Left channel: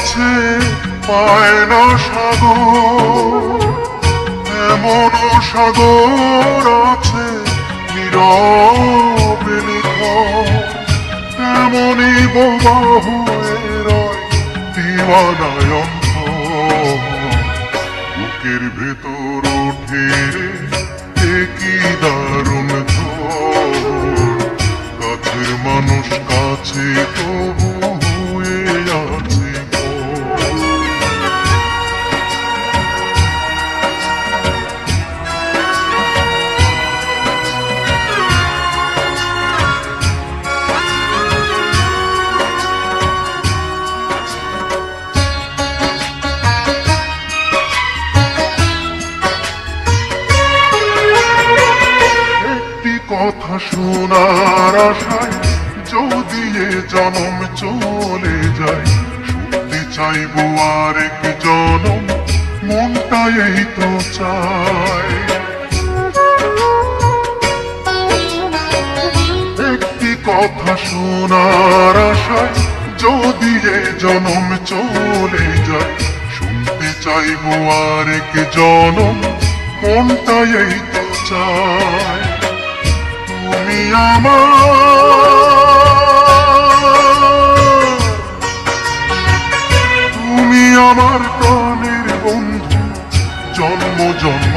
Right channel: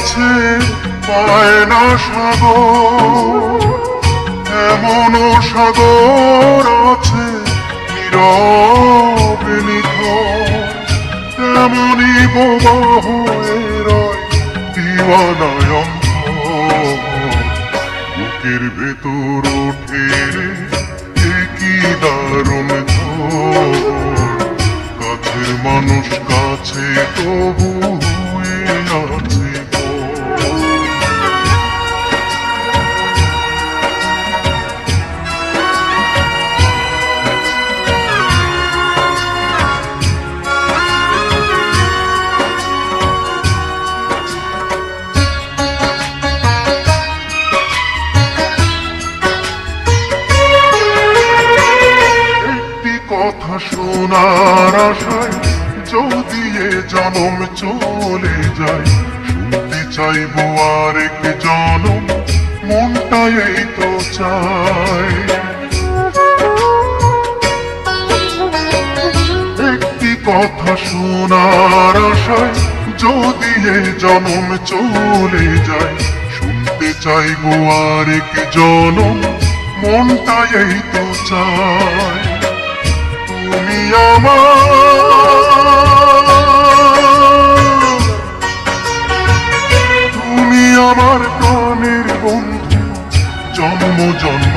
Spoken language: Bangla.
কাছে পায় না সাগর, এমন সাগর আছে নীরবে নিথর, তেমনি বোবা হয়ে রয় দিওয়ানায় অন্তর। বুকের ভেতর উঠে রে কি দারুণ ঝড়, কাছের মানুষ কাছে তবু হয়ে আছে কথা শোনার আশায় যদি এ জনম চলে যায়, শুনতে চাইবো আরেক জনম, মনটা এই তো চায়। একটি কথা শোনার আশায় যদি এ জনম চলে যায়, শুনতে চাইবো আরেক জনম, মনটা এই তো চায়। তুমি আমার প্রাণের বন্ধু, জন্ম জন্ম